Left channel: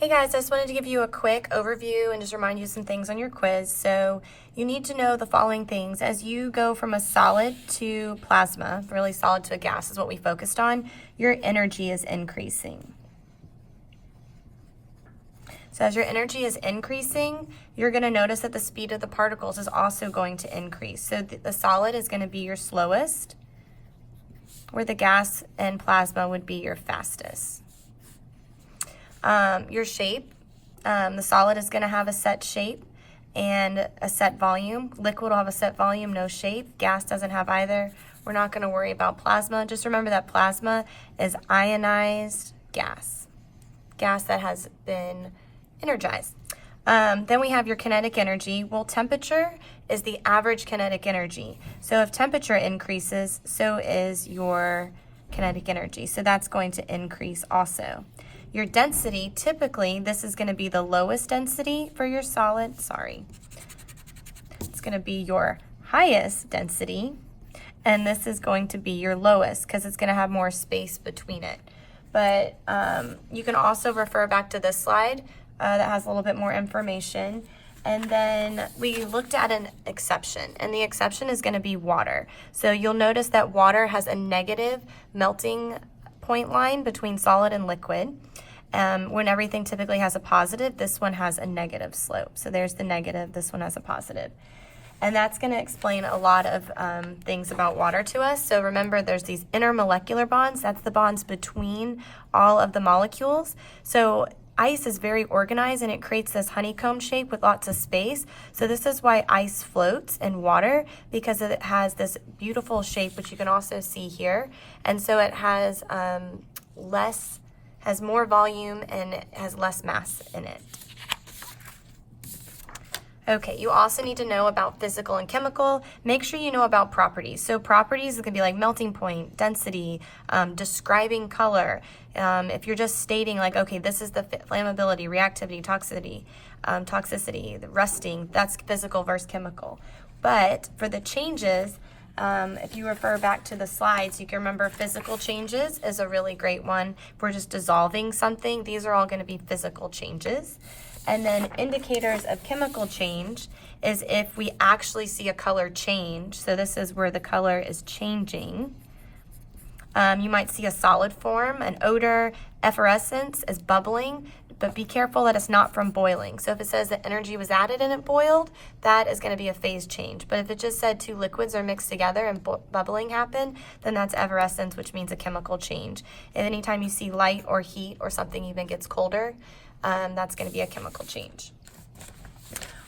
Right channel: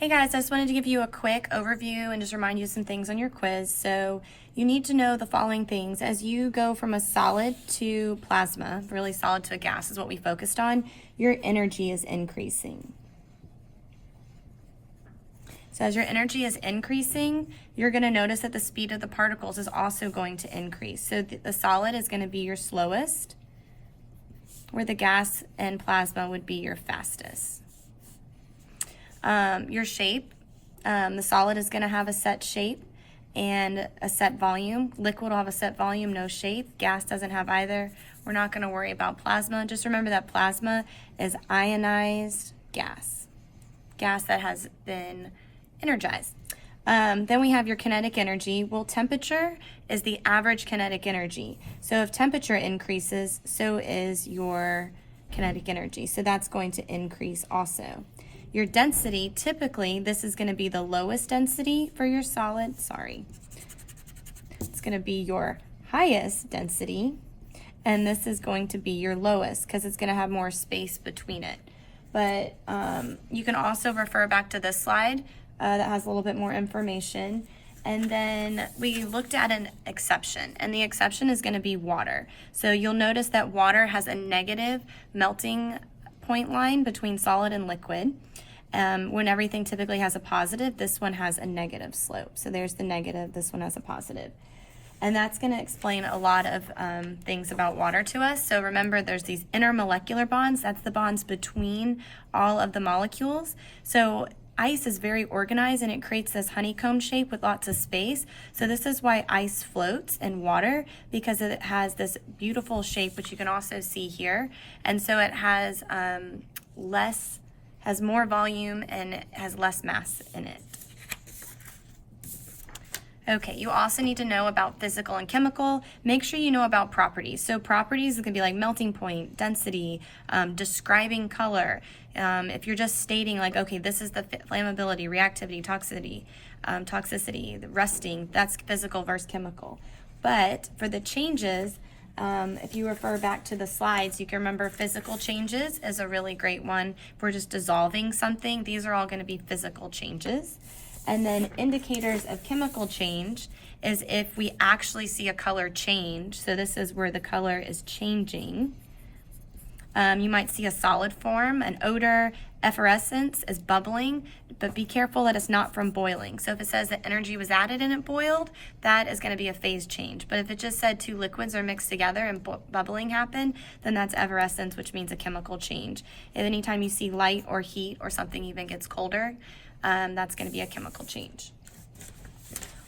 Hey guys, I just wanted to give you a quick overview and just remind you some things on your quiz. So you need to know the following things. As you go from a solid to plasma, really solid to a gas is what we focused on, your energy is increasing. So as your energy is increasing, you're going to notice that the speed of the particles is also going to increase. So the solid is going to be your slowest, where the gas and plasma would be your fastest. Your shape, the solid is going to have a set shape and a set volume. Liquid will have a set volume, no shape. Gas doesn't have either. We're not going to worry about plasma. Just remember that plasma is ionized gas that has been energized. Then we have your kinetic energy. Well, temperature is the average kinetic energy. So if temperature increases, so is your kinetic energy. So that's going to increase also. Your density, typically, this is going to be the lowest density for your solid. It's going to be your highest density, and this is going to be your lowest because it's going to have more space between it. But you can also refer back to this slide that has a little bit more information. And then we looked at an exception, and the exception is going to be water. So you'll notice that water has a negative melting point line between solid and liquid. When everything typically has a positive, this one has a negative slope. So there's the negative, this one has a positive. And that's going to explain a lot of things about water to us. So remember, there's these intermolecular bonds. That's the bonds between all of the molecules. So ice is very organized and it creates this honeycomb shape with lots of space. So this is why ice floats in water, because it has this beautiful shape, which you can also see here. And so it has has more volume and has less mass in it. Okay, you also need to know about physical and chemical. Make sure you know about properties. So properties can be like melting point, density, describing color. If you're just stating like, okay, this is the flammability, reactivity, toxicity, the rusting, that's physical versus chemical. But for the changes, if you refer back to the slides, you can remember physical changes is a really great one. If we're just dissolving something, these are all going to be physical changes. And then indicators of chemical change is if we actually see a color change. So this is where the color is changing. You might see a solid form, an odor, effervescence is bubbling, but be careful that it's not from boiling. So if it says that energy was added and it boiled, that is going to be a phase change. But if it just said two liquids are mixed together and bubbling happened, then that's effervescence, which means a chemical change. And anytime you see light or heat or something even gets colder, that's going to be a chemical change.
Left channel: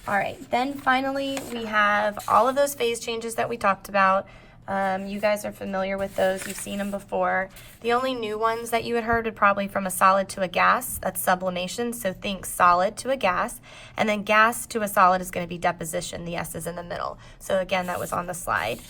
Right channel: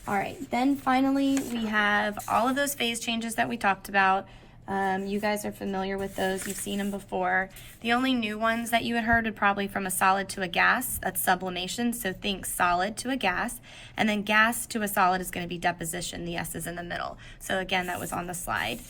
All right, then finally we have all of those phase changes that we talked about. You guys are familiar with those. You've seen them before. The only new ones that you had heard would probably from a solid to a gas. That's sublimation. So think solid to a gas. And then gas to a solid is going to be deposition. The S is in the middle. So again, that was on the slide.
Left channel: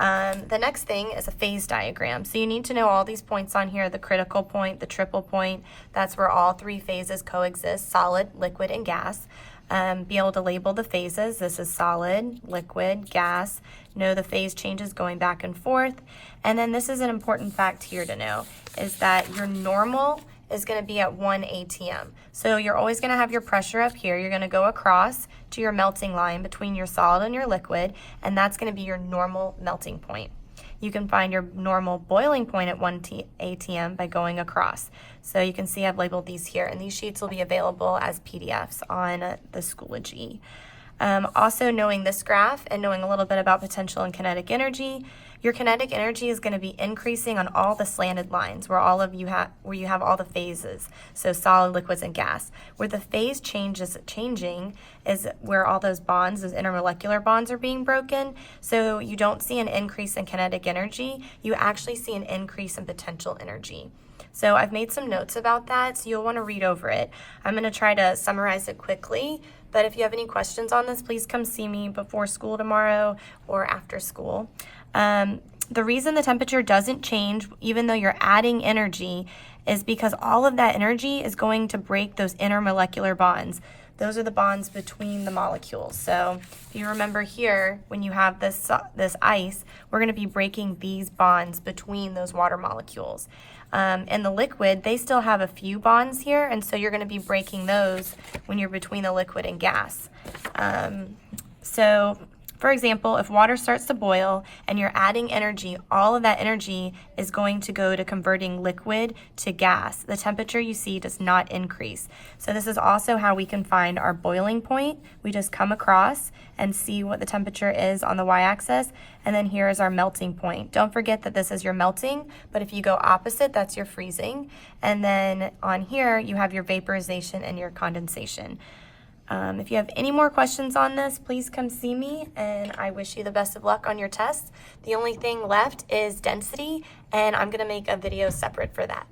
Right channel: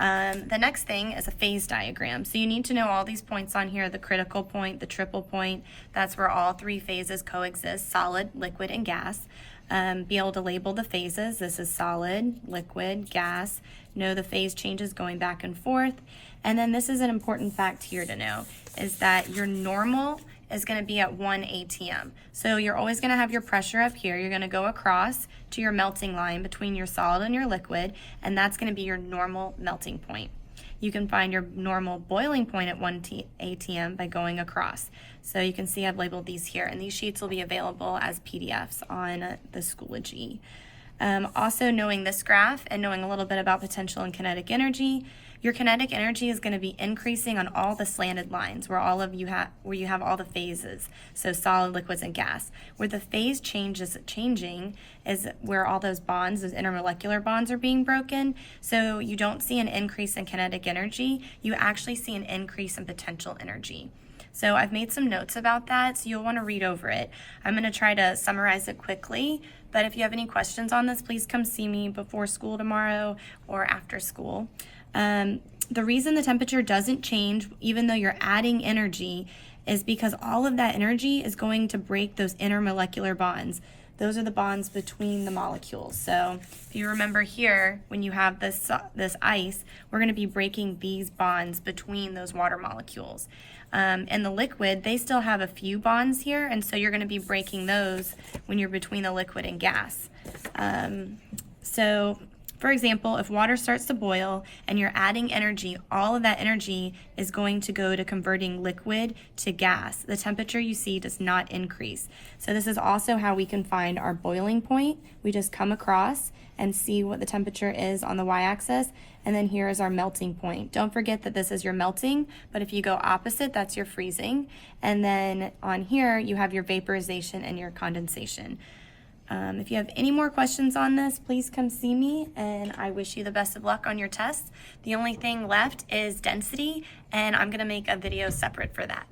The next thing is a phase diagram. So you need to know all these points on here, the critical point, the triple point. That's where all three phases coexist, solid, liquid, and gas. Be able to label the phases. This is solid, liquid, gas. Know the phase changes going back and forth. And then this is an important fact here to know, is that your normal is going to be at 1 atm. So you're always going to have your pressure up here. You're going to go across to your melting line between your solid and your liquid, and that's going to be your normal melting point. You can find your normal boiling point at 1 atm by going across. So you can see I've labeled these here, and these sheets will be available as PDFs on the Schoology. Also knowing this graph and knowing a little bit about potential and kinetic energy, your kinetic energy is going to be increasing on all the slanted lines where you have all the phases, so solid, liquids, and gas. Where the phase change is changing is where all those bonds, those intermolecular bonds, are being broken. So you don't see an increase in kinetic energy, you actually see an increase in potential energy. So I've made some notes about that, so you'll want to read over it. I'm going to try to summarize it quickly, but if you have any questions on this, please come see me before school tomorrow or after school. The reason the temperature doesn't change, even though you're adding energy, is because all of that energy is going to break those intermolecular bonds. Those are the bonds between the molecules. So if you remember here, when you have this ice, we're going to be breaking these bonds between those water molecules. And the liquid, they still have a few bonds here, and so you're going to be breaking those when you're between the liquid and gas. So for example, if water starts to boil and you're adding energy, all of that energy is going to go to converting liquid to gas. The temperature you see does not increase. So this is also how we can find our boiling point. We just come across and see what the temperature is on the y-axis, and then here is our melting point. Don't forget that this is your melting, but if you go opposite, that's your freezing. And then on here, you have your vaporization and your condensation. If you have any more questions on this, please come see me, and I wish you the best of luck on your test. The only thing left is density, and I'm going to make a video separate for that.